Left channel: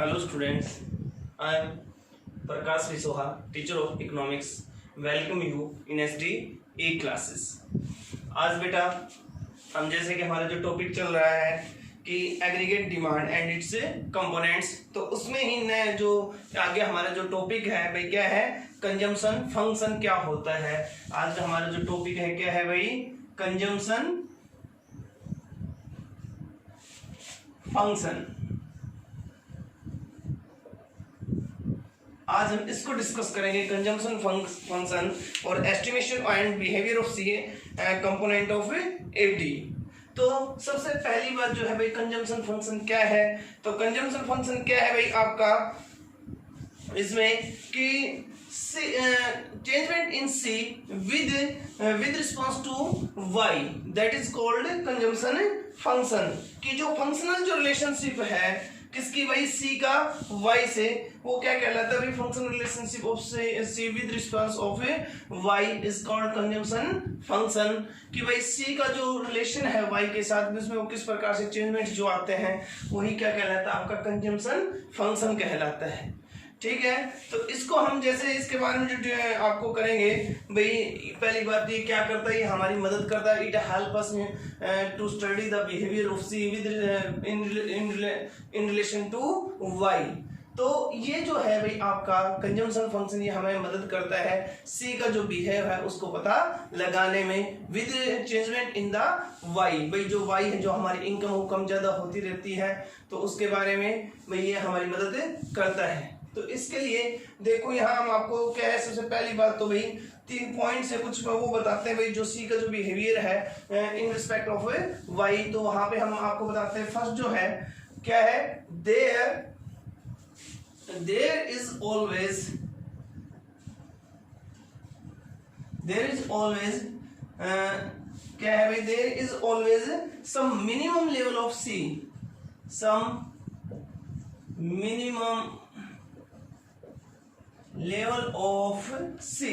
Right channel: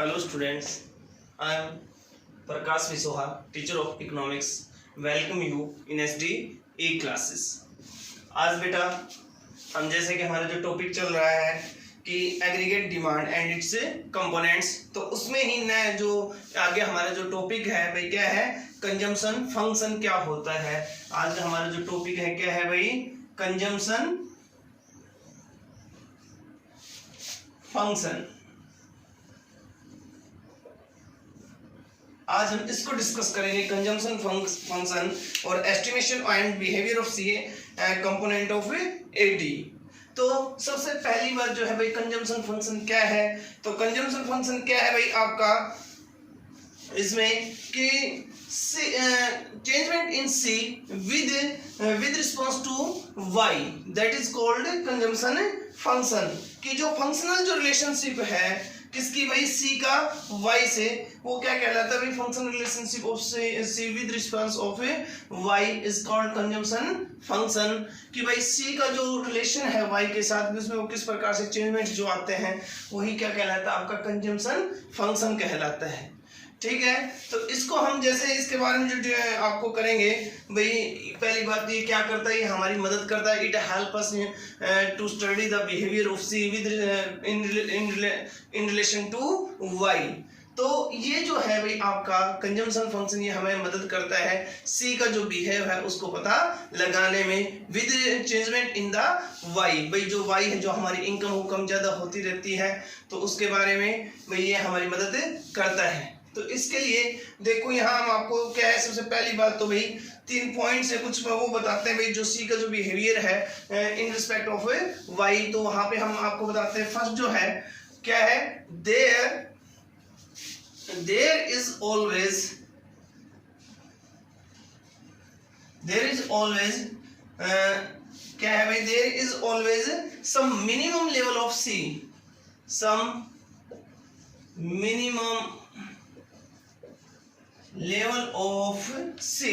Hello students, I am Prakash Visoha, teacher of economics. Welcome you in SD E classes. आज बेटा हम जैसे कि हमारा जो टॉपिक चल रहा है कि aggregate demand and it's components, तो उसमें ही नया जो आगे हमारा जो टॉपिक है भाई क्या है, कंजम्पशन फंक्शन क्या होता है। आज हमारा जो टॉपिक है क्या है भाई, कंजम्पशन फंक्शन। आज हम इसको डिस्कस करेंगे, कंजम्पशन फंक्शन और estimation and behaviour of C component of eighty. तो सबसे पहली बात जो है भाई, कंजम्पशन फंक्शन क्या है। तो कंजम्पशन फंक्शन क्या है भाई आपका, इसमें कि changement in C with response to Y, that is called consumption function. की जो फंक्शनल जो रिलेशनशिप है किसकी भाई, सी का वाई से, वो क्या कहलाता है भाई, functional relationship of C with response of Y is called consumption function. कि भाई सी का जो रिलेशन है वाई के साथ, उसमें वो किस प्रकार से चेंजमेंट जो आते हैं वही क्या कहलाता है, आपका कंजम्पशन फंक्शन कहलाता है। ठीक है, तो इसको हम जैसे इसके बारे में जो आपको करेंगे भाई, पहली बात ये क्या करता है, ये हमारी मदद करता है। It help us to study the behaviour of C with in relation to Y. तो ये जो है भाई आपका कंजम्पशन फंक्शन, ये हमें मदद करता है सी का जो बिहेव है उसको पता लगाने में, with changement in the Y. भाई जो वाई है, जो हमारी इनकम वो कम ज़्यादा होती रहती है, तो उसके बारे में भाई ये हमारी मदद करता है। तो इसके लिए देखो यहाँ हम आपको क्या है, सबसे पहली बात तो भाई 3 पॉइंट से कुछ वो बताते हैं भाई, जो सी का जो बिहेवियर है इन रिस्पेक्ट ऑफ वाई। तो वहां पे हम आपको बताते हैं, फर्स्ट जो है क्या है, देयर इज ऑलवेज क्या है भाई, there is always some minimum level of C, some minimum level of C.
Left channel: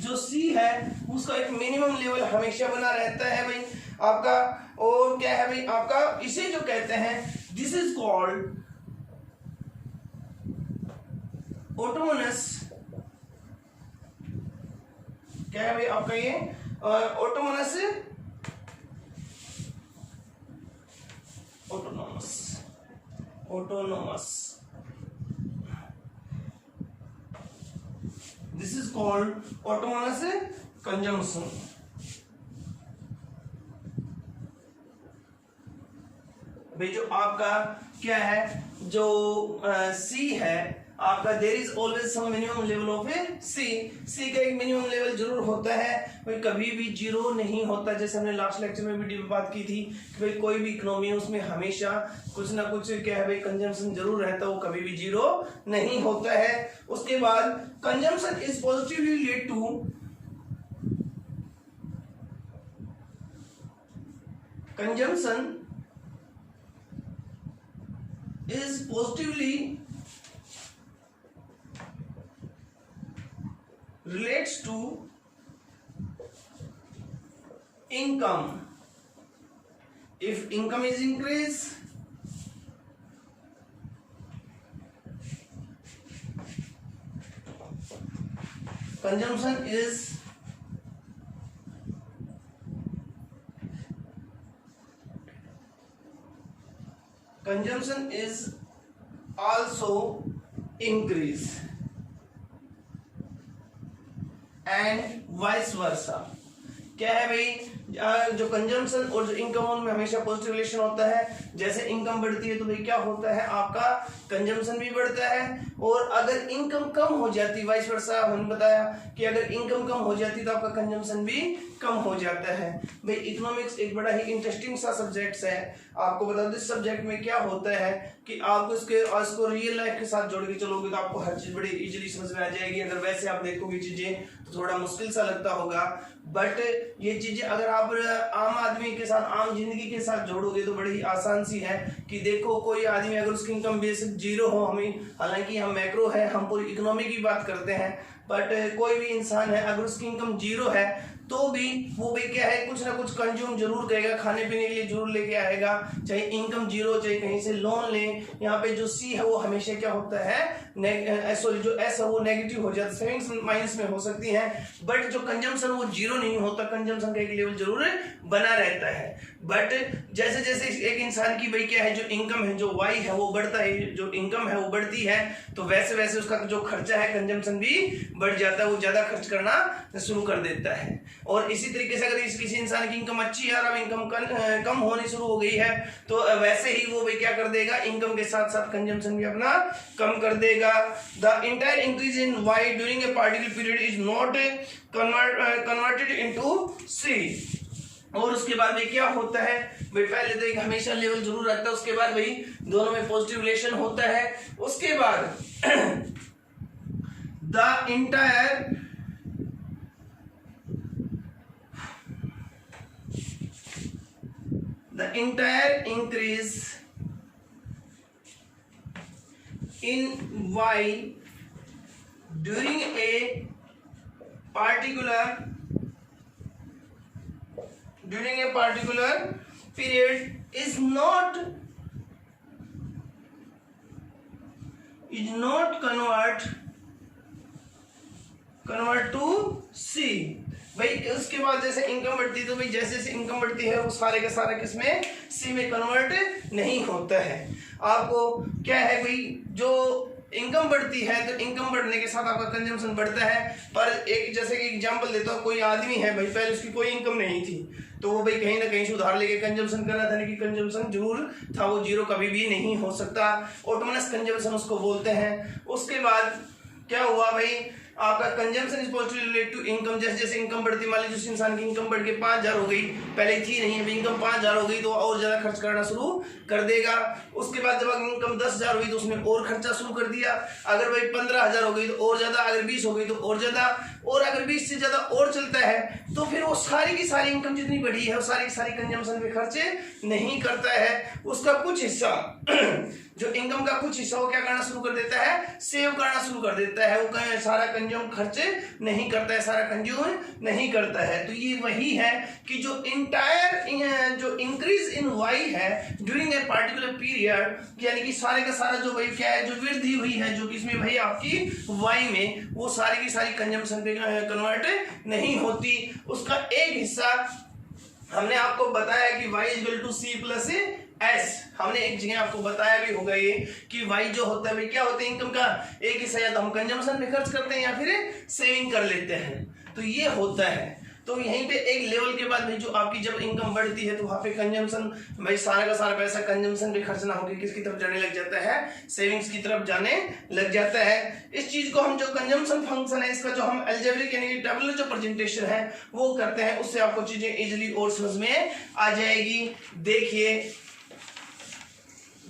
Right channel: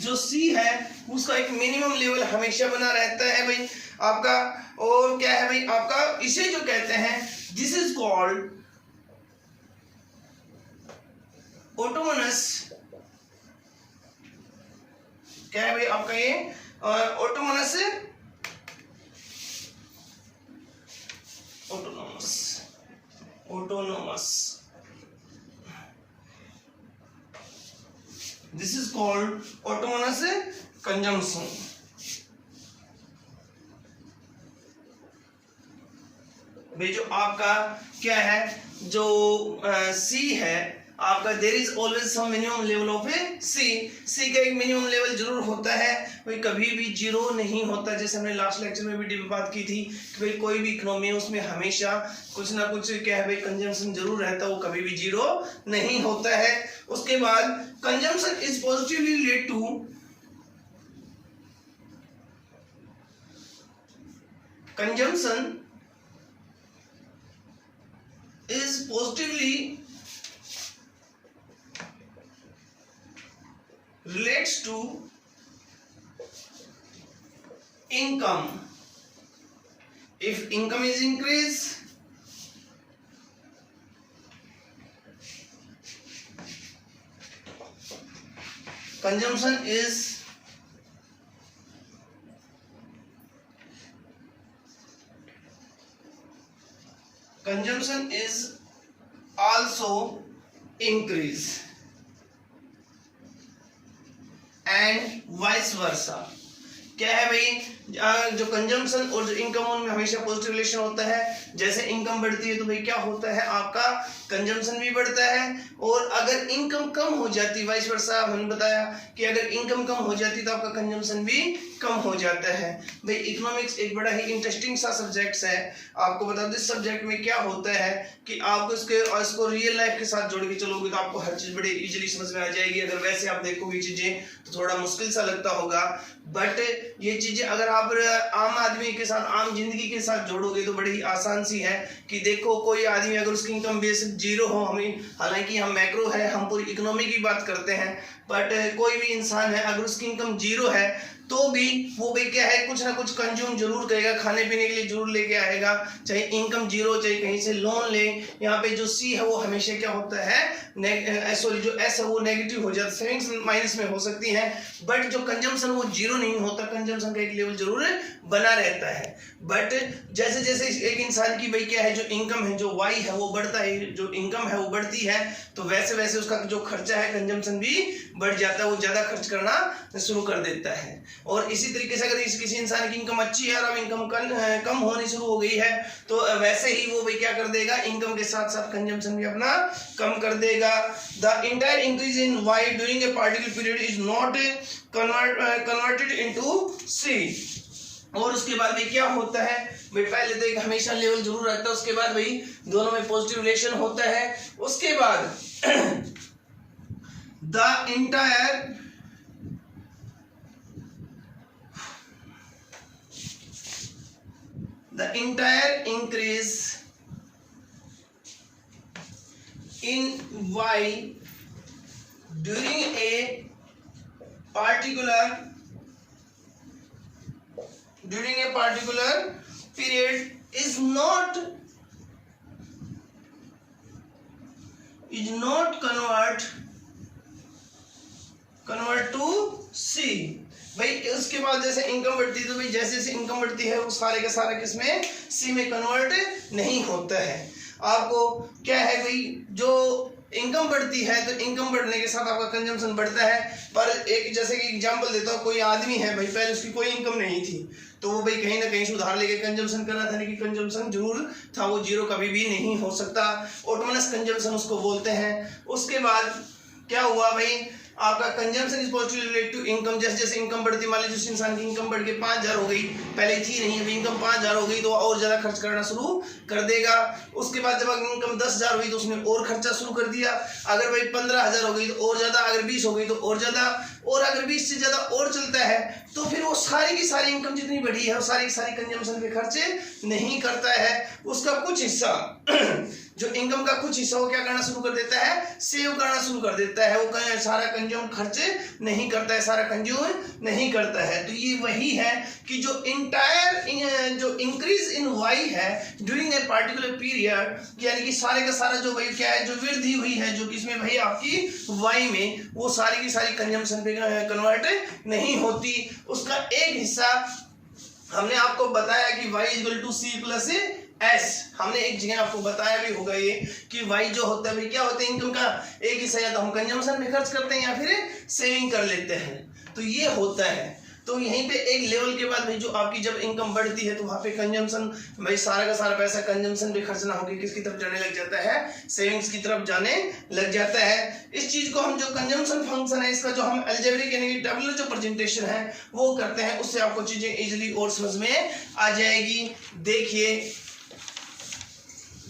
जो सी है उसका एक मिनिमम लेवल हमेशा बना रहता है भाई आपका। और क्या है भाई आपका, इसे जो कहते हैं, दिस इज कॉल्ड ऑटोनोमस। क्या है भाई आपका ये autonomous This is called autonomous consumption. भाई जो आपका क्या है, जो सी है आपका, there is always some minimum level of C का एक मिनिमम लेवल जरूर होता है भाई, कभी भी जीरो नहीं होता। जैसे हमने लास्ट लेक्चर में भी बात की थी कि भाई कोई भी इकोनॉमी है उसमें हमेशा कुछ ना कुछ क्या है भाई, कंजम्पशन जरूर रहता है, वो कभी भी जीरो नहीं होता है। उसके बाद consumption is positively related to relates to income. If income is increased, consumption is also increase and vice versa. क्या है भाई, जो कंजम्पशन और जो इनकम उनमें हमेशा पॉजिटिव रिलेशन होता है। जैसे इनकम बढ़ती है तो भाई क्या होता है, आपका कंजम्पशन भी बढ़ता है। और अगर इनकम कम हो जाती, वाइस वर्सा हमने बताया कि अगर इनकम कम हो जाती तो आपका कंजम्पशन भी कम हो जाता है। भाई इकोनॉमिक्स एक बड़ा ही इंटरेस्टिंग सा सब्जेक्ट है। आपको बता दो इस सब्जेक्ट में क्या होता है कि आपको इसको रियल लाइफ के साथ जोड़ के चलोगे तो आपको हर चीज़ बड़ी इजीली समझ में आ जाएगी। अगर वैसे आप देखोगे चीज़ें तो थोड़ा मुश्किल सा लगता होगा, बट ये चीज़ें अगर आप आम आदमी के साथ, आम जिंदगी के साथ जोड़ोगे तो बड़ी ही आसान सी है। कि देखो कोई आदमी अगर उसकी इनकम बेसिक जीरो हो, हमें हालांकि हम मैक्रो है, हम पूरी इकोनॉमी की बात करते हैं, बट कोई भी इंसान है अगर उसकी इनकम जीरो है तो भी वो भाई क्या है, कुछ ना कुछ कंज्यूम जरूर करेगा, खाने पीने के लिए जरूर लेके आएगा, चाहे इनकम जीरो, चाहे कहीं से लोन ले। यहाँ पे जो सी है वो हमेशा क्या होता है, सॉरी जो एस है वो नेगेटिव हो जाता है, सेविंग्स माइनस में हो सकती है, बट जो कंजम्पशन वो जीरो नहीं होता, कंजम्पशन का एक लेवल जरूर बना रहता है। बट जैसे जैसे एक इंसान की भाई क्या है, जो इनकम है, जो वाई है वो बढ़ता है, जो इनकम है वो बढ़ती है, तो वैसे वैसे उसका जो खर्चा है, कंजम्पशन भी बढ़ जाता है, वो ज्यादा खर्च करना शुरू कर देता है। और इसी तरीके से अगर किसी इंसान की इनकम अच्छी है और इनकम कम होनी शुरू हो गई है, तो वैसे ही वो भाई क्या कर देगा, इनकम के साथ साथ कंजम्पशन भी अपना कम कर देगा। The entire increase in Y during a particular period is not converted into C. और उसके बाद भाई क्या होता है, भाई पहले तो एक हमेशा लेवल जरूर रखता है, उसके बाद भाई दोनों में पॉजिटिव रिलेशन होता है। उसके बाद the entire increase in y during a particular period is not convert to C। भाई उसके बाद जैसे इनकम बढ़ती है, तो भाई जैसे जैसे इनकम बढ़ती है वो सारे का सारा किसमें, सी में कन्वर्ट नहीं होता है। आपको क्या है भाई, जो इनकम बढ़ती है तो इनकम बढ़ने के साथ आपका कंजम्पशन बढ़ता है। पर एक जैसे कि एग्जांपल देता हूँ, कोई आदमी है भाई पहले उसकी कोई इनकम नहीं थी, तो वो भाई कहीं ना कहीं से उधार लेके कंजम्पशन कर रहा था, लेकिन कंजम्पशन जरूर था, वो जीरो कभी भी नहीं हो सकता, ऑटोनमस कंजम्पशन उसको बोलते हैं। उसके बाद क्या हुआ भाई, आपका consumption is positive related to income. जैसे जैसे इनकम बढ़ती, मान लीजिए जिस इंसान की इनकम बढ़ के 5,000 हो गई, पहले थी नहीं, अभी इनकम 5,000 हो गई, तो और ज्यादा खर्च करना शुरू कर देगा। उसके बाद जब इनकम 10,000 हुई तो उसने और खर्चा शुरू कर दिया। अगर भाई 15,000 हो गई तो और ज्यादा, अगर 20 हो गई तो और ज्यादा, और अगर 20 से ज्यादा और चलता है तो फिर वो सारी की सारी इनकम जितनी बढ़ी है वो सारी की सारी कंजम्पशन पे खर्चे नहीं करता है। उसका कुछ हिस्सा जो इनकम का कुछ हिस्सा वो क्या करना शुरू कर देता है, सेव करना शुरू कर देता है। वो सारा कंज्यूम खर्चे नहीं करता है, सारा कंज्यूम नहीं करता है। तो ये वही है कि जो इंटायर जो इंक्रीज इन वाई है ड्यूरिंग ए पार्टिकुलर पीरियड, यानी कि सारे का सारा जो भाई क्या है, जो वृद्धि हुई है जो किसमें भाई आपकी वाई में, वो सारी की सारी कंजम्पशन पे कन्वर्ट नहीं होती। उसका एक हिस्सा हमने आपको बताया कि y equal to C plus S, हमने एक जगह आपको बताया भी होगा ये कि y जो होता है भाई क्या होता है, इनकम का एक हिस्सा या तो हम कंजम्पशन में खर्च करते हैं या फिर सेविंग कर लेते हैं, तो ये होता है। तो यहीं पे एक लेवल के बाद भाई जो आपकी जब इनकम बढ़ती है तो वहाँ पे कंजम्पशन, भाई सारा का सारा पैसा कंजम्पशन पे खर्च ना होकर किसकी तरफ जाने लग जाता है, सेविंग्स की तरफ जाने लग जाता है। इस चीज को हम जो कंजम्पशन फंक्शन है इसका जो हम अलजेब्रिक यानी कि टेबुलर जो प्रेजेंटेशन है वो करते हैं, उससे आपको चीजें इजिली और समझ में आ जाएगी। देखिए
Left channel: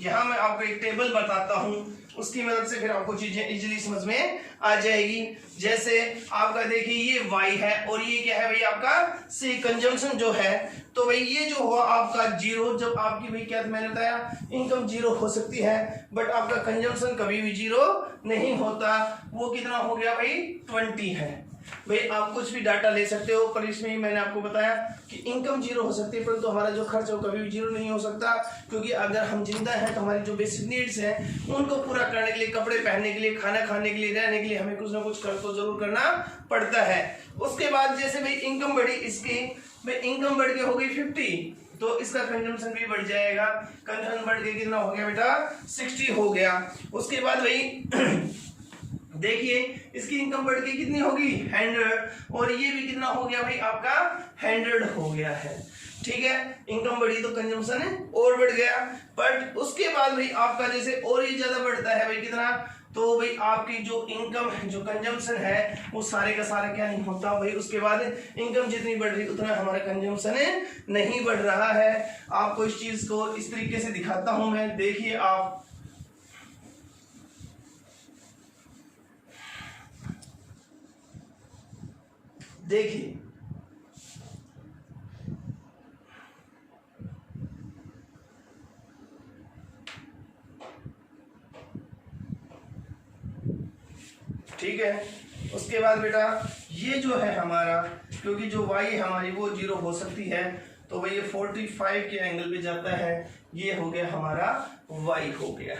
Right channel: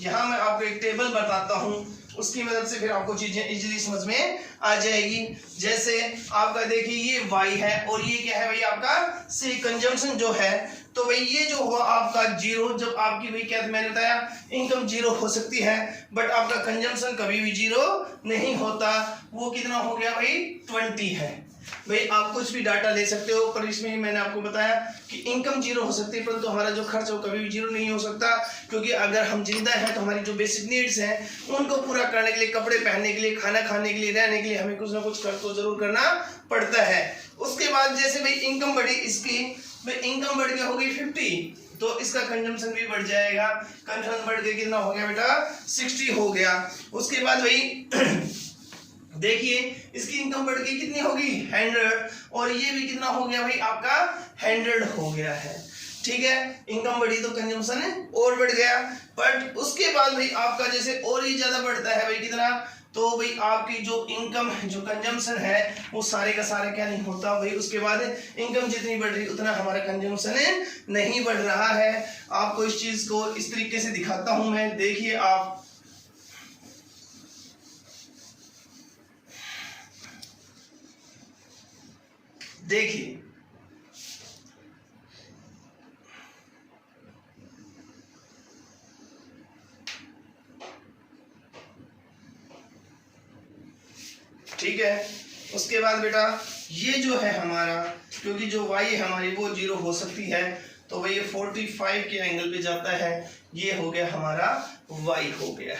यहाँ मैं आपको एक टेबल बताता हूँ, उसकी मदद से फिर आपको चीजें इजीली समझ में आ जाएगी। जैसे आपका देखिए ये y है और ये क्या है भाई आपका सी कंजम्पशन जो है, तो भाई ये जो हुआ आपका जीरो, जब आपकी भाई क्या मैंने बताया इनकम जीरो हो सकती है बट आपका कंजम्पशन कभी भी जीरो नहीं होता। वो कितना हो गया भाई 20 है। भाई आप कुछ भी डाटा ले सकते हो, पर इसमें ही मैंने आपको बताया कि इनकम जीरो हो सकती है परंतु हमारा जो खर्च है वो कभी भी जीरो नहीं हो सकता, क्योंकि अगर हम जिंदा हैं तो हमारी जो बेसिक नीड्स हैं उनको पूरा करने के लिए, कपड़े पहनने के लिए, खाना खाने के लिए, रहने के लिए हमें कुछ ना कुछ खर्च तो जरूर करना पड़ता है। उसके बाद जैसे भाई इनकम बढ़ी, इसकी भाई इनकम बढ़ के हो गई 50, तो इसका कंजम्पशन भी बढ़ जाएगा। कंजम्पशन बढ़ के कितना हो गया बेटा 60 हो गया। उसके बाद भाई देखिए इसकी इनकम बढ़ के कितनी होगी 100, और ये भी कितना हो गया भाई आपका 100 हो गया है। ठीक है, इनकम बढ़ी तो कंजम्पशन और बढ़ गया। बट उसके बाद भाई आपका जैसे और ही ज्यादा बढ़ता है भाई कितना, तो भाई आपकी जो इनकम है, जो कंजम्पशन है वो सारे का सारा क्या नहीं होता भाई, उसके बाद इनकम जितनी बढ़ रही उतना हमारा कंजम्पशन नहीं बढ़ रहा है। आपको इस चीज को इस तरीके से दिखाता हूं मैं, देखिए आप देखिए ठीक है। उसके बाद बेटा ये जो है हमारा क्योंकि जो y है हमारी वो 0 हो सकती है, तो भाई ये 45 के एंगल पे जाता है, ये हो गया हमारा y हो गया।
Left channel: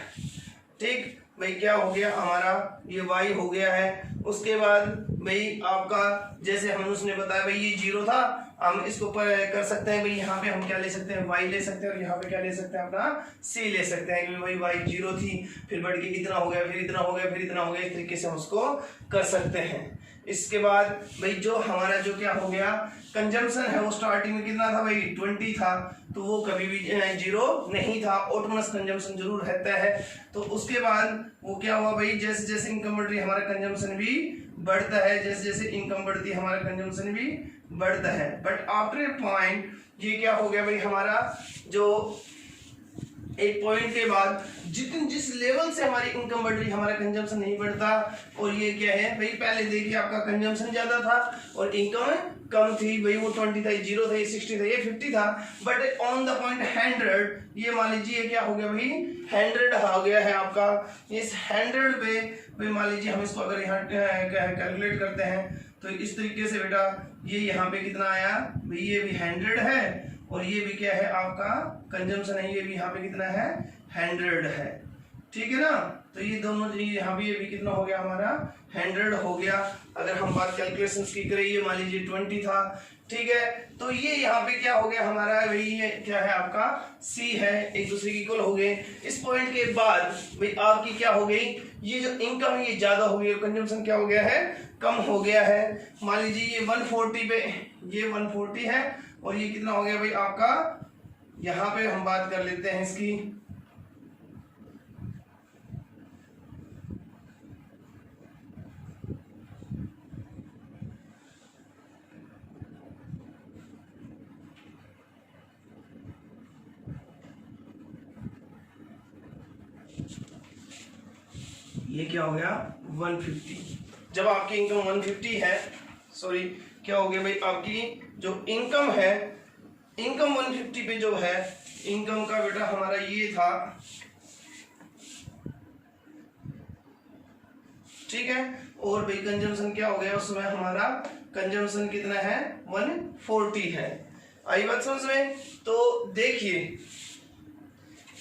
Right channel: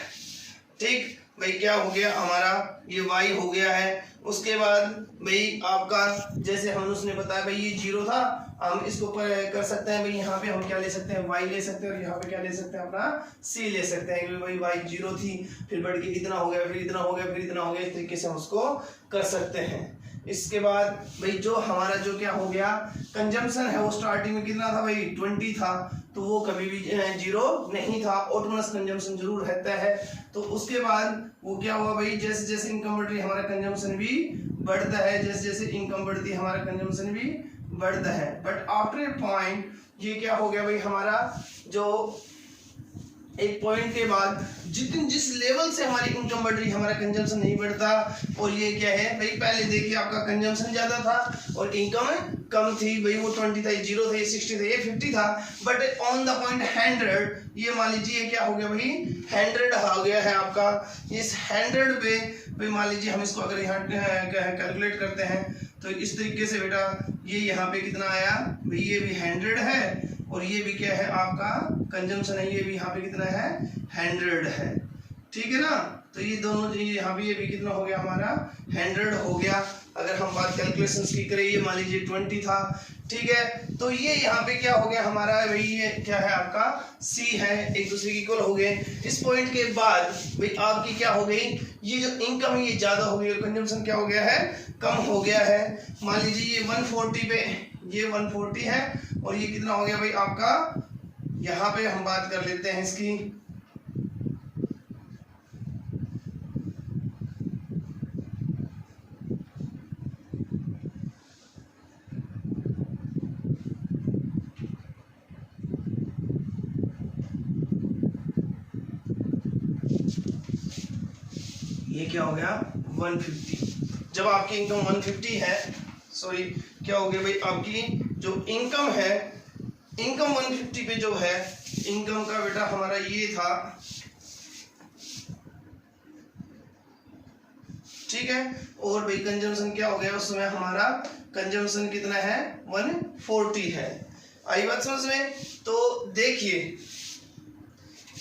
ठीक भाई, क्या हो गया हमारा, ये y हो गया है। उसके बाद भाई आपका जैसे हम उसने बताया भाई ये 0 था, हम इसको कर सकते हैं भाई, यहाँ पे हम क्या ले सकते हैं, y ले सकते हैं, और यहाँ पे क्या ले सकते हैं अपना c ले सकते हैं, क्योंकि भाई y 0 थी, फिर बढ़ के इतना हो गया, फिर इतना हो गया, फिर इतना हो गया, इस तरीके से हम उसको कर सकते हैं। इसके बाद भाई जो हमारा जो क्या हो गया कंजम्पशन है, वो स्टार्टिंग में कितना था भाई 20 था, तो वो कभी भी 0 नहीं था, ऑटोनमस कंजम्पशन जरूर रहता है। तो उसके बाद वो क्या हुआ भाई, जैसे जैसे इनकम बढ़ रही है हमारा कंजम्पशन भी बढ़ता है, जैसे जैसे इनकम बढ़ती है हमारा कंजम्पशन भी बढ़ता है। बट आफ्टर ए पॉइंट ये क्या हो गया भाई, हमारा जो एक पॉइंट के बाद जिस लेवल से हमारी इनकम बढ़ रही है हमारा कंजम्पशन नहीं बढ़ता। और ये क्या है भाई, पहले देखिए आपका कंजम्पशन ज्यादा था और इनकम कम थी भाई, वो 20 था, ये 0 था, ये 60 था, ये 50 था। बट ऑन द पॉइंट 100, ये मान लीजिए क्या हो गया भाई 100 हो गया है आपका। इस 100 पे भाई मान लीजिए हम इसको अगर यहाँ कैलकुलेट करते हैं तो इस तरीके से बेटा, ये यहाँ पे कितना आया भाई, ये भी 100 है और ये भी क्या है आपका कंजम्पशन है, ये भी यहाँ पे कितना है 100 है। ठीक है ना, तो ये दोनों यहाँ भी, ये भी कितना हो गया हमारा 100 हो गया। अगर हम बात कैलकुलेशंस की करें, ये मान लीजिए 20 था, ठीक है, तो ये यहाँ पे क्या हो गया हमारा भाई, ये क्या है आपका C है, एक दूसरे के इक्वल हो गए। इस पॉइंट के बाद भाई आपकी क्या हो गई, ये जो इनकम है ये ज्यादा हो गई और कंजम्पशन क्या हो गया है, कम हो गया है। मान लीजिए ये 140 पे, ये 140 है और ये कितना हो गया भाई आपका, यहाँ पे हम बात कर लेते हैं इसकी, ये क्या हो गया 150। जब आपकी इनकम 150 है, सॉरी क्या हो गया भाई, आपकी जो इनकम है, इनकम 150 पे जो है, इनकम का बेटा हमारा ये था, ठीक है, और भाई कंजम्पशन क्या हो गया उस समय हमारा, कंजम्पशन कितना है 140 है। आई बात समझ में। तो देखिए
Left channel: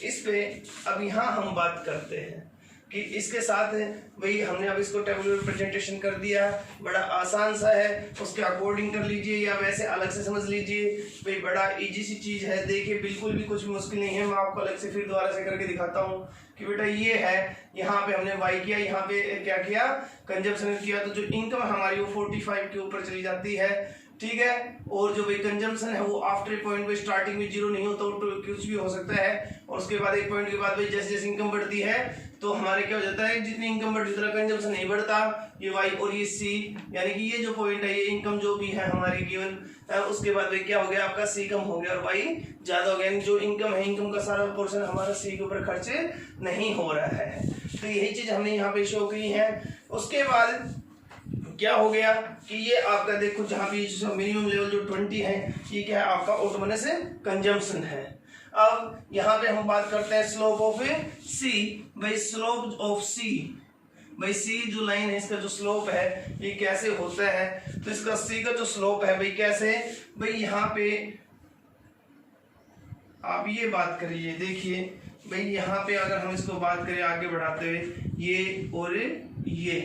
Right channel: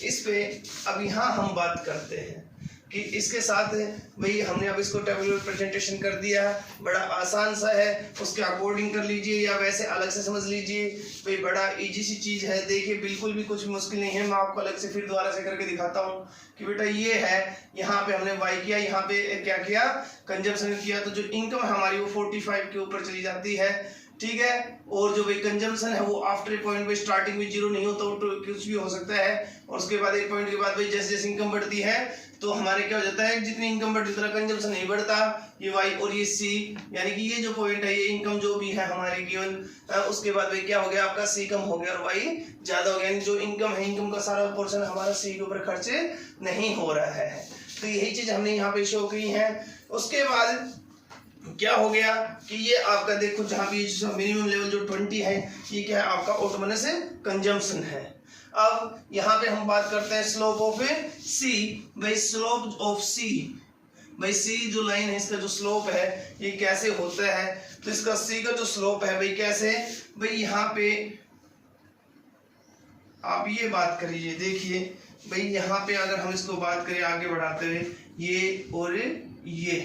इस पे अब यहाँ हम बात करते हैं कि इसके साथ भाई हमने अब इसको टेबुलर प्रेजेंटेशन कर दिया, बड़ा आसान सा है, उसके अकॉर्डिंग कर लीजिए या वैसे अलग से समझ लीजिए भाई, बड़ा इजी सी चीज़ है। देखिए बिल्कुल भी कुछ मुश्किल नहीं है, मैं आपको अलग से फिर दोबारा से करके दिखाता हूँ कि बेटा ये है, यहाँ पे हमने वाई किया, यहाँ पे क्या किया कंजम्पशन किया, तो जो इनकम हमारी वो 45 के ऊपर चली जाती है, ठीक है। और जो भाई कंजम्पशन है वो आफ्टर पॉइंट में स्टार्टिंग में 0 नहीं होता, तो कुछ भी हो सकता है। और उसके बाद एक पॉइंट के बाद भाई जैसे जैसे इनकम बढ़ती है तो हमारे क्या हो जाता है, जितनी इनकम बढ़ती है उतना कंजम्पशन नहीं बढ़ता, ये वाई और ये सी, यानी कि ये जो पॉइंट है, ये इनकम जो भी है हमारी गिवन, उसके बाद भाई क्या हो गया आपका सी कम हो गया और वाई ज्यादा हो गया, यानी जो इनकम है, इनकम का सारा पोर्शन हमारा सी के ऊपर खर्च नहीं हो रहा है। तो यही चीज हमने यहाँ पे शो की है। उसके बाद क्या हो गया कि ये आपका देखो जहाँ पे मिनिमम लेवल जो 20 है, ये क्या है आपका ऑटोमोनस कंजम्पशन है। अब यहाँ पे हम बात करते हैं स्लोप ऑफ सी। भाई स्लोप ऑफ सी, भाई सी जो लाइन है इसका जो स्लोप है ये कैसे होता है, तो इसका सी का जो स्लोप है भाई कैसे, भाई यहाँ पे आप ये बात करिए, देखिए भाई यहाँ पे अगर हम इसको बात करें आगे बढ़ाते हुए, ये और ये,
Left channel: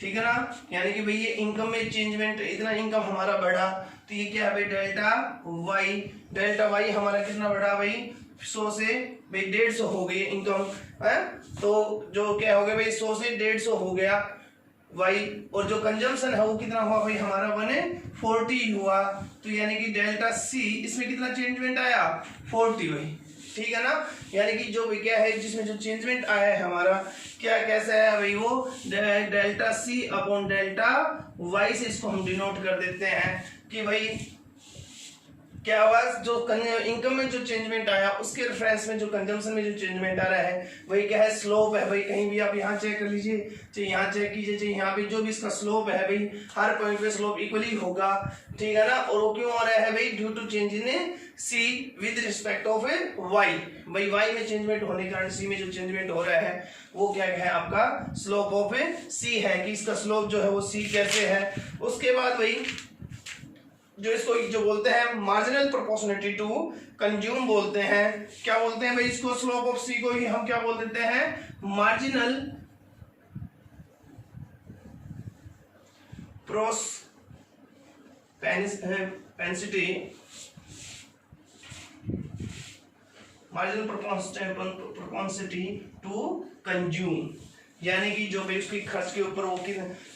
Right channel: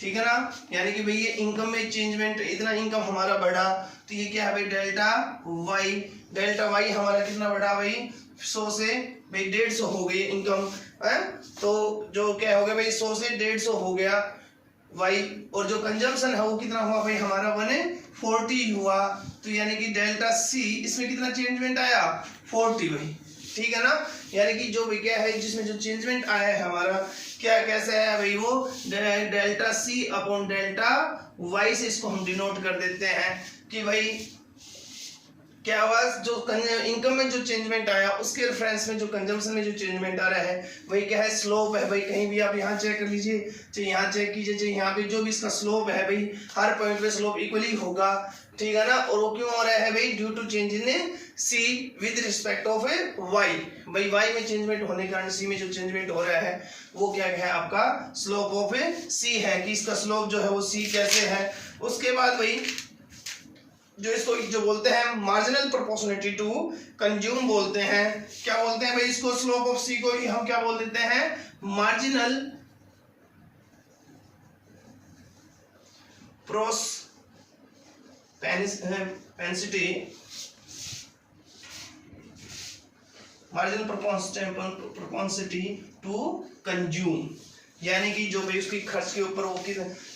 ठीक है ना, यानी कि भाई ये इनकम में चेंजमेंट, इतना इनकम हमारा बढ़ा, तो ये क्या है भाई डेल्टा वाई, डेल्टा वाई हमारा कितना बढ़ा भाई 100 से भाई 150 हो गई इनकम है। तो जो क्या हो गया भाई 100 से 150 हो गया वाई, और जो कंजम्पशन है वो कितना हुआ भाई हमारा 140 हुआ, तो यानी कि डेल्टा सी इसमें कितना चेंजमेंट आया 40 भाई, ठीक है ना। यानी कि जो भी क्या है जिसमें जो चेंजमेंट आया है हमारा क्या कैसा है भाई, वो delta C upon delta Y से इसको हम डिनोट कर देते हैं कि भाई क्या हुआ, जो इनकम में जो चेंजमेंट आया उसके रेफरेंस में जो कंजम्पशन में जो चेंजमेंट आ रहा है वही क्या है स्लोप है भाई। कहीं भी आप यहाँ चेक कर लीजिए, चाहे यहाँ चेक कीजिए, चाहे यहाँ पे जो भी इसका स्लोप है भाई हर पॉइंट पे स्लोप इक्वली होगा, ठीक है ना। और वो क्यों हो रहा है भाई, due to change in C with respect of Y, भाई वाई में चेंजमेंट होने के कारण सी में जो चेंजमेंट हो रहा है वो क्या है आपका स्लोप ऑफ सी है, कि इसका स्लोप जो है वो सी कैसे है। उसके बाद भाई जो इसको जो बोलते हैं मार्जिनल प्रोपोर्शनलिटी टू कंज्यूम बोलते हैं। क्या बोलते हैं भाई इसको? स्लोप ऑफ सी को ही हम क्या बोल देते हैं? Marginal propensity, marginal propensity to consume, यानी कि जो भाई उसकी खर्च के ऊपर वो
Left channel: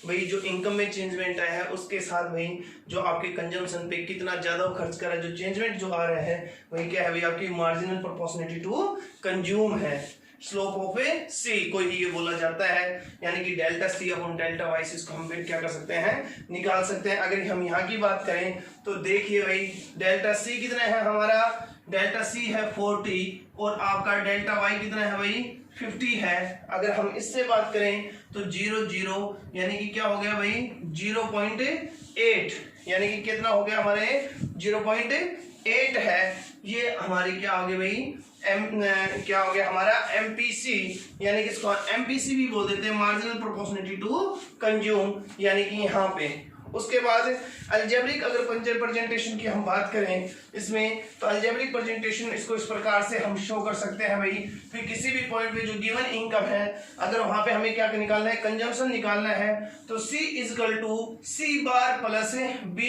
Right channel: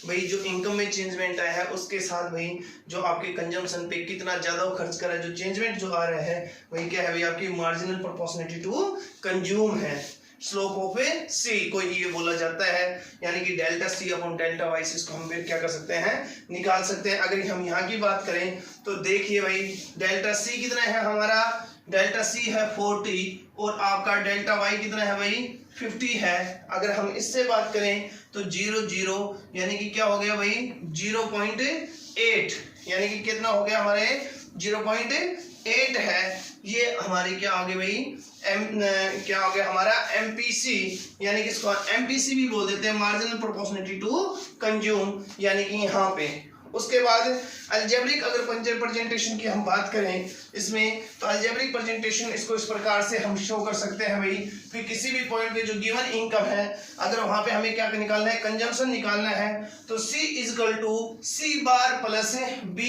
भाई जो इनकम में चेंजमेंट आया है उसके साथ भाई जो आपके कंजम्पशन पे कितना ज्यादा वो खर्च कर रहा है, जो चेंजमेंट जो आ रहा है वही क्या है भाई आपकी मार्जिनल प्रोपोर्शनलिटी टू कंज्यूम है। स्लोप ऑफ ए सी को ये बोला जाता है, यानी कि delta C upon delta Y से इसको हम क्या कर सकते हैं? निकाल सकते हैं। अगर हम यहाँ की बात करें तो देखिए भाई डेल्टा सी कितना है हमारा? डेल्टा सी है 40 और आपका डेल्टा वाई कितना है भाई? 50 है। अगर हम इससे बात करें तो 0 यानी कि क्या हो गया भाई? 0.8, यानी कि कितना हो गया हमारे? 0.8 है। ये हमारे क्या हो गया भाई? क्या हो गया हमारा? एमपीसी, यानी कि इसको एमपीसी भी बोल देते हैं, मार्जिनल प्रोपोर्शनलिटी टू कंज्यूम, यानी कि यहाँ पे। उसके बाद अलजेब्रिक अगर प्रेजेंटेशन की हम बात करें इसमें, तो अलजेब्रिक प्रेजेंटेशन इसको इस प्रकार से हम शो कर सकते हैं भाई, फिर किसी भी पॉइंट पे जो गिवन इनकम है अगर वहां पे हमें क्या निकालना है? कंजम्पशन निकालना है, तो C equal to C bar plus B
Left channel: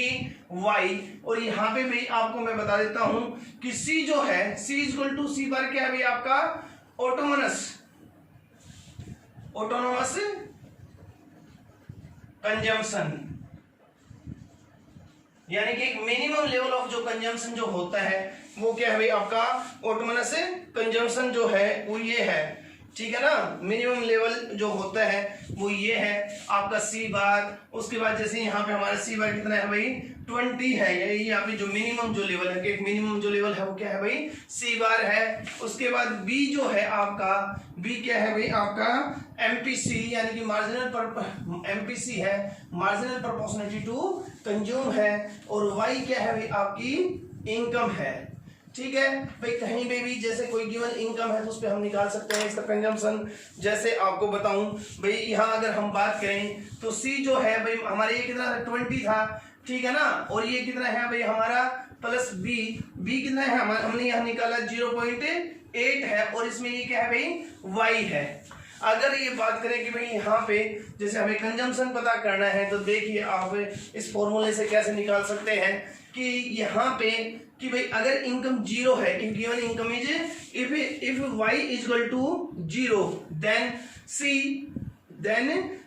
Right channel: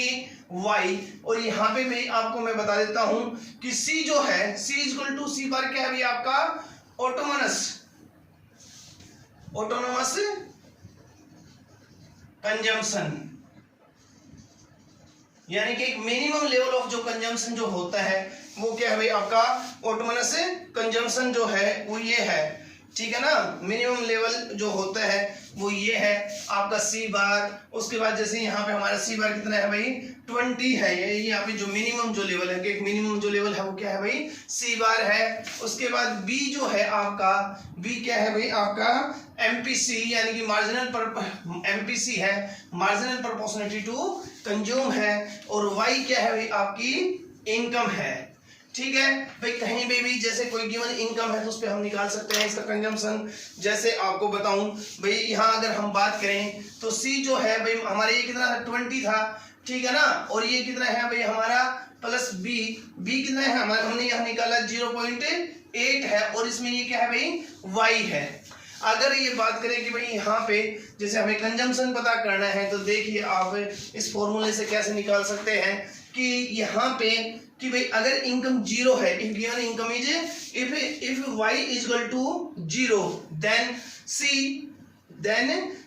Y. और यहाँ पे भाई आपको मैं बता देता हूं कि C जो है C इजकल टू C बार क्या है भाई आपका? ऑटोनोमस कंजम्पशन, यानी कि एक मिनिमम लेवल ऑफ जो कंजम्पशन जो होता है वो क्या है भाई आपका? ऑटोनोमस कंजम्पशन जो है वो ये है, ठीक है ना। मिनिमम लेवल जो होता है वो ये है आपका C बार। उसके बाद जैसे यहाँ पे हमारा C बार कितना है भाई? 20 है। यही यहाँ पे जो मिनिमम जो लेवल है, एक मिनिमम जो लेवल है वो क्या है भाई? C बार है। उसके बाद B जो है आपका, B क्या है भाई आपका? MPC, यानी कि MPC है, मार्जिनल प्रोपोर्शनलिटी टू कंज्यूम है। और Y क्या है भाई? आपकी इनकम है, ठीक है भाई। कहीं पे भी जैसे कोई गिवन इनकम है तो उस पर हम निकाल सकते हैं इसका कंजम्पशन। जैसे आपको बताऊं भाई, यहाँ अगर हम बात करें तो C जो है भाई हमारे ये कितना था? 20 था, ठीक है ना। और ये कितना है भाई हमारा? प्लस B कितना है हमारा? हमने यहाँ निकाला 0.8 है। और इसमें ये क्या है भाई? Y है। अगर ये बात करें कि भाई यहाँ पे जैसे हमें कंजम्पशन पता करना है, तो देखिए आप इस फॉर्मूले से कैसे निकाल सकते हैं कि यहाँ पे कि भाई अगर इनकम 0 है, if given income is if y is equal to 0 then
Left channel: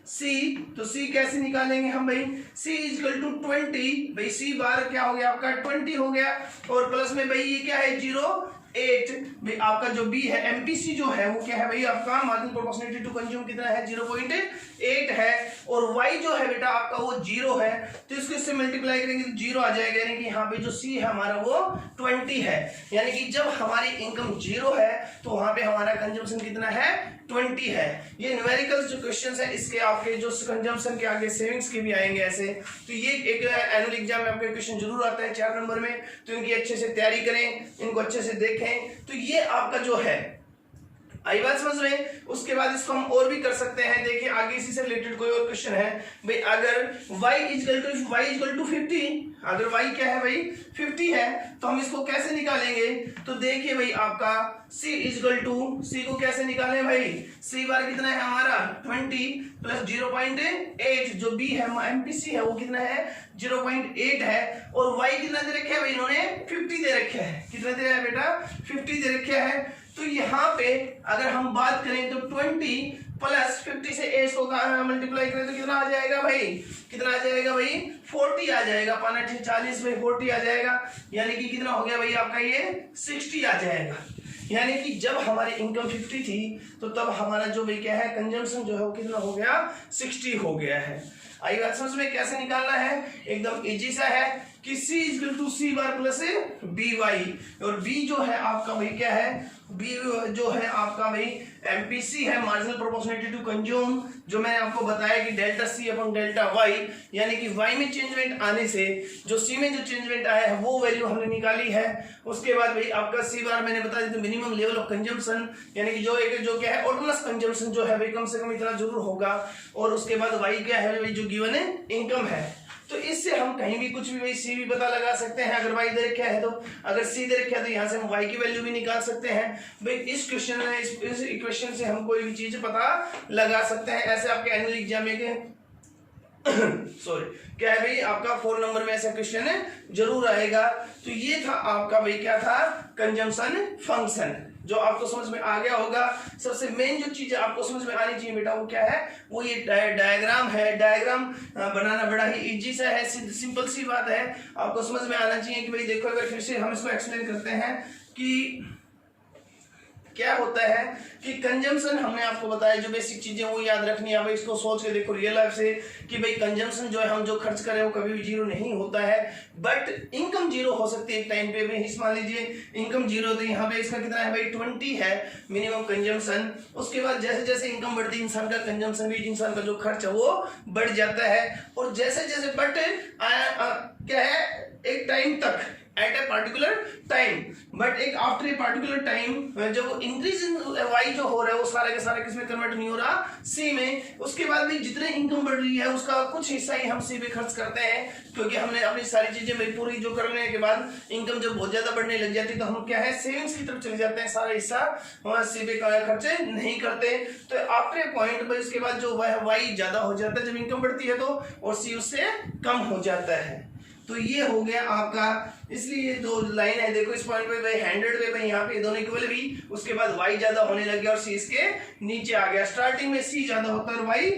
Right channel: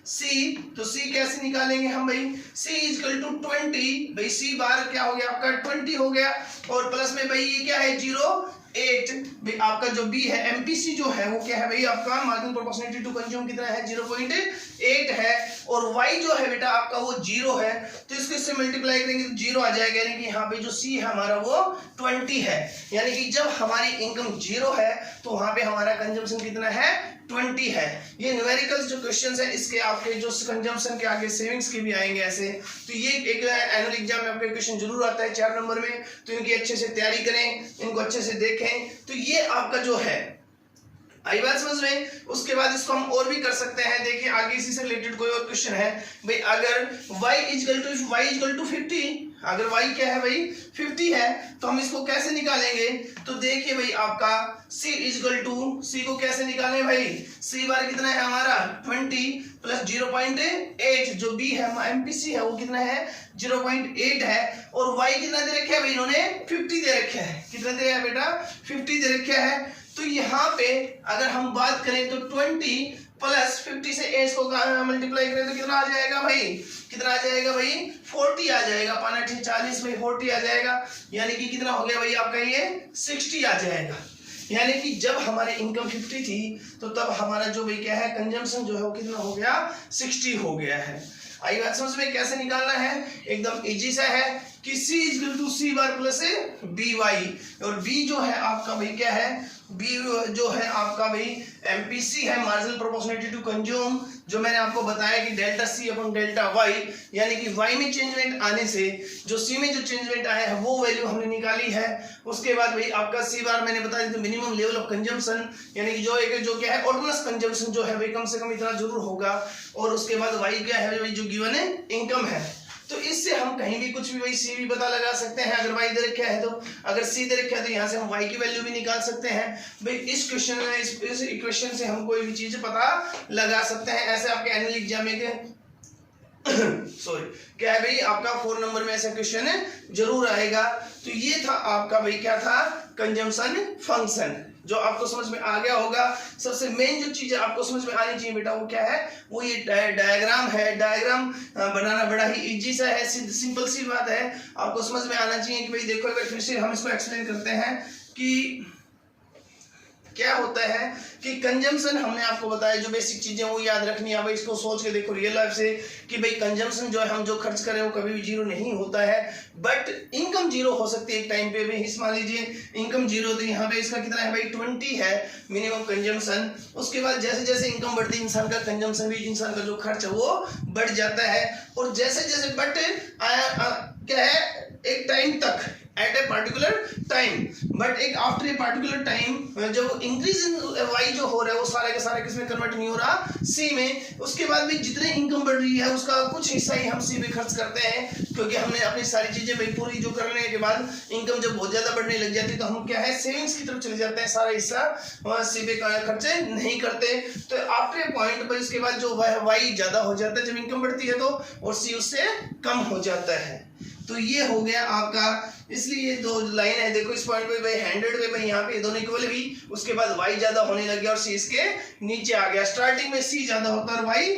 C, तो C कैसे निकालेंगे हम भाई? C इज इक्वल टू 20, भाई C बार क्या हो गया आपका? 20 हो गया। और प्लस में भाई ये क्या है? 0.8, भाई आपका जो B है MPC जो है वो क्या है भाई आपका? मार्जिनल प्रोपोर्शनलिटी टू कंज्यूम कितना है? 0.8 है। और Y जो है बेटा आपका वो 0 है, तो इसको इससे मल्टीप्लाई करेंगे तो 0 आ जाएगा, यानी कि यहाँ पे जो C है हमारा वो 20 है। यानी कि जब हमारी इनकम 0 है तो वहां पे हमारा कंजम्पशन कितना है? 20 है। ये न्यूमेरिकल्स जो क्वेश्चंस है इसके आपके जो कंजम्पशन के आगे सेविंग्स के भी आएंगे ऐसे, तो ये एक एनुअल एग्जाम में आपके क्वेश्चन जरूर आता है 4 नंबर में, तो इनकी अच्छे से तैयारी करें, इनको अच्छे से देखें। तो ये आपका जो है आई बात समझ में। उसके बाद इसको हम और भी कर सकते हैं। देखिए आगे इसी से रिलेटेड कोई और क्वेश्चन है भाई, अगर y इक्वल टू 50, अगर y क्या है भाई? 50 है, तो हम इसको कैसे निकालेंगे? तो देखिए भाई आपका C इक्वल टू, C को कैसे निकालें भाई? C बार कितना है हमारा? 20 प्लस 0.8, जो B है MPC है वो कितना है? 0.8 है। और y कितना दे रखे है भाई? इन्होंने 50 दे रखे है। कितना दे रहा है बेटा? 50 दे रखे है। तो यहाँ पे अगर हम बात करें तो 20 प्लस 50 से एज को मल्टीप्लाई करें तो कितना आ जाएगा भाई? कितना आ जाएगा भाई? 40 आ जाएगा। 5 40 में 40 आ जाएगा, यानी कि कितना हो गया भाई आपका? ये 60 आ जाएगा। यानी कि जब हमारी इनकम 50 थी तो तब हमारा जो भाई क्या है? कंजम्पशन जो है वो कितना हो गया? 60 हो गया है। आई बात समझ में? कैसे निकालना है? एकदम इजी सा है कि C equal to C bar plus BY, और B जो है आपका भाई क्या है? B जो है आपका भाई MPC है, मार्जिनल प्रोपोर्शनलिटी टू कंज्यूम, जो मैंने आपको बताया कि delta C upon delta Y, यानी कि Y में चेंजमेंट आने से जो C में जो चेंजमेंट आया है वो वैल्यू हमने निकाली है। उसके बाद भाई आपका C बार मैंने बता दी थी मिनिमम लेवल ऑफ कंजम्पशन, यानी कि जो क्या है? ऑटोनमस कंजम्पशन जो है भाई कम से कम इतना जरूर होगा। और उसके बाद Y क्या है भाई? जो गिवन है इनकम है। तो इससे हम कहीं भी कुछ भी भाई सी भी पता लगा सकते हैं। अगर वाई दे रखा है तो, अगर सी दे रखा है तो यहाँ से हम वाई की वैल्यू भी निकाल सकते हैं। भाई इस क्वेश्चन में इस इक्वेशन से हम कोई भी चीज पता लगा सकते हैं। ऐसे आपके एनुअल एग्जाम में सॉरी क्या है भाई, आपका 4 नंबर में ऐसा क्वेश्चन है जरूर आएगा। तो ये था आपका भाई क्या था, कंजम्पशन फंक्शन, जो आपको समझ में आ गया होगा। सबसे मेन जो चीज आपको समझ में आनी चाहिए बेटा वो क्या है, वो ये डायग्राम है। डायग्राम बनाना बड़ा ही इजी सा है, सिंपल सी बात है, आपको समझ में आना चाहिए कि भाई देखो एक बार फिर से हम इसको एक्सप्लेन करते हैं कि क्या होता है कि कंजम्पशन हमने आपको बताया, जो बेसिक चीजें वो याद रखनी है। भाई इसको सोच के देखो रियल लाइफ से कि भाई कंजम्पशन जो है हम जो खर्च करें वो कभी भी जीरो नहीं होता है, बट इनकम जीरो हो सकती है एक टाइम पे। भाई मान लीजिए इनकम जीरो, तो यहाँ पे इसका कितना है भाई 20 है मिनिमम कंजम्पशन। उसके बाद जैसे जैसे इनकम बढ़ती है इंसान का कंजम्पशन भी, इंसान का जो खर्च है वो बढ़ जाता है। और जैसे जैसे बट क्या है, एक टाइम तक at a particular time, but एक आफ्टर ए पार्टिकुलर टाइम जब इंक्रीज इन वाई जो हो रहा है वो सारे के सारे किसमें कन्वर्ट नहीं हो रहा, सी में। उसके बाद भी जितने इनकम बढ़ रही है उसका कुछ हिस्सा ही हम सी पे खर्च करते हैं, क्योंकि हमने अपनी सारी चीजें भाई पूरी जो करने के बाद इनकम जब बहुत ज्यादा बढ़ने लग जाती है तो हम क्या है सेविंग्स की तरफ चले जाते हैं, सारा हिस्सा सी पे खर्चे नहीं करते। तो आफ्टर ए पॉइंट भाई उसके बाद जो वाई ज्यादा हो जाता है जब इनकम बढ़ती है तो, और सी उससे कम हो जाता है। तो ये हो गया आपका, इसलिए ये दो लाइन है देखो इस पॉइंट पे भाई 100 पे भाई यहाँ पे दोनों इक्वल भी, उसके बाद वाई ज्यादा होने लग गया और सी इसके नीचे आ गया। स्टार्टिंग में सी ज्यादा होता है और वाई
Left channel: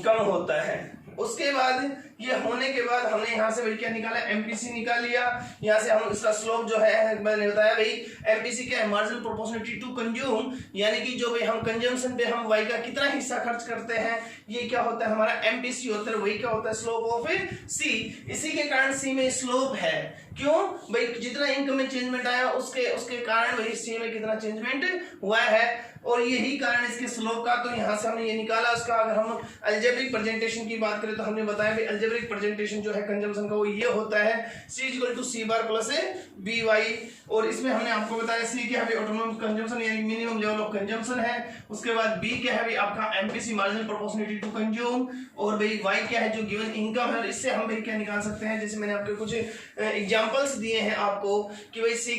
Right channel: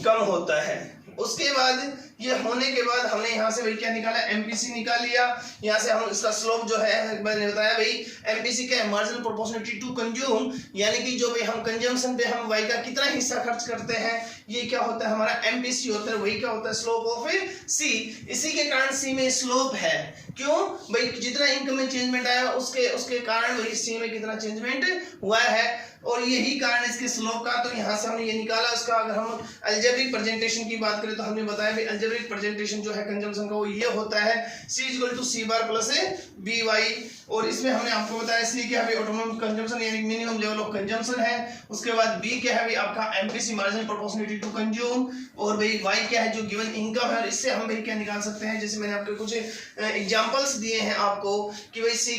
कम होता है। उसके बाद ये होने के बाद हमने यहाँ से भाई क्या निकाला, एमपीसी निकाल लिया। यहाँ से हम इसका स्लोप जो है मैंने बताया भाई, एमपीसी क्या है, मार्जिनल प्रोपोर्शनलिटी टू कंज्यूम, यानी कि जो भाई हम कंजम्पशन पे हम वाई का कितना हिस्सा खर्च करते हैं ये क्या होता है हमारा एमपीसी होता है, वही क्या होता है स्लोप ऑफ सी। इसी के कारण सी में स्लोप है, क्यों भाई जितना इनकम में चेंजमेंट आया उसके कारण भाई सी में कितना चेंजमेंट हुआ है, और यही कारण इसके स्लोप का। तो यहाँ से हमने ये निकाला उसका। अगर हम अलजेब्रिक प्रेजेंटेशन की बात करें तो हमने बताया भाई अलजेब्रिक प्रेजेंटेशन जो है कंजम्पशन का वो ये होता है C equal to C bar plus B Y. और इसमें हमने आपको बताया C क्या है ऑटोनॉमस कंजम्पशन यानी मिनिमम लेवल ऑफ कंजम्पशन है। उसके बाद B क्या है भाई आपका MPC marginal proportionality to consume, और भाई Y क्या है जो गिवन इनकम है। और इससे हम भाई क्या निकाल सकते हैं, जैसे मैंने आपको कुछ एग्जांपल्स दिए हैं आपको कि भाई C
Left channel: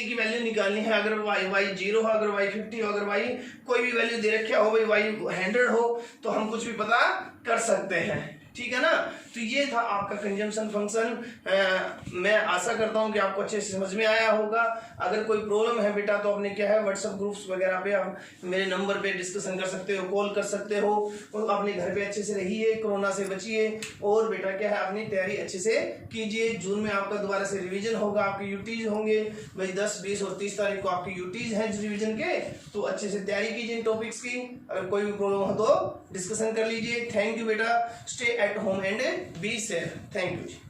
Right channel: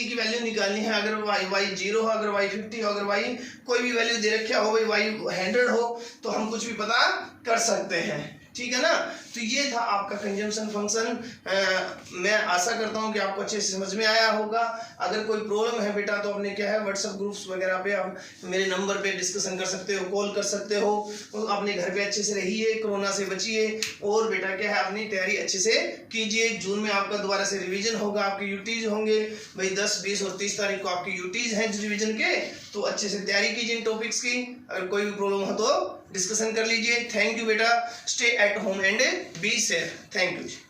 की वैल्यू निकालनी है। अगर Y 0 हो, अगर Y 50 हो, अगर Y कोई भी वैल्यू दे रखा हो, भाई Y 100 हो, तो हम कुछ भी पता कर सकते हैं, ठीक है ना। तो ये था आपका कंजम्पशन फंक्शन। मैं आशा करता हूँ कि आपको अच्छे से समझ में आया होगा। अगर कोई प्रॉब्लम है बेटा तो अपने क्या है व्हाट्सएप ग्रुप्स वगैरह पे आप मेरे नंबर पे डिस्कशन कर सकते हो, कॉल कर सकते हो। तो अपने घर पे अच्छे से रहिए, कोरोना से बचिए, और बेटा क्या है अपनी तैयारी अच्छे से कीजिए। जून में आपका दोबारा से रिवीजन होगा, आपके यूटीज होंगे भाई 10, 20 और 30 तारीख को आपके यूटीज हैं रिवीजन के, तो अच्छे से तैयारी कीजिए इन टॉपिक्स की। अगर कोई भी प्रॉब्लम हो तो डिस्कशन कर लीजिए। थैंक यू बेटा, stay at home and be safe. Thank you.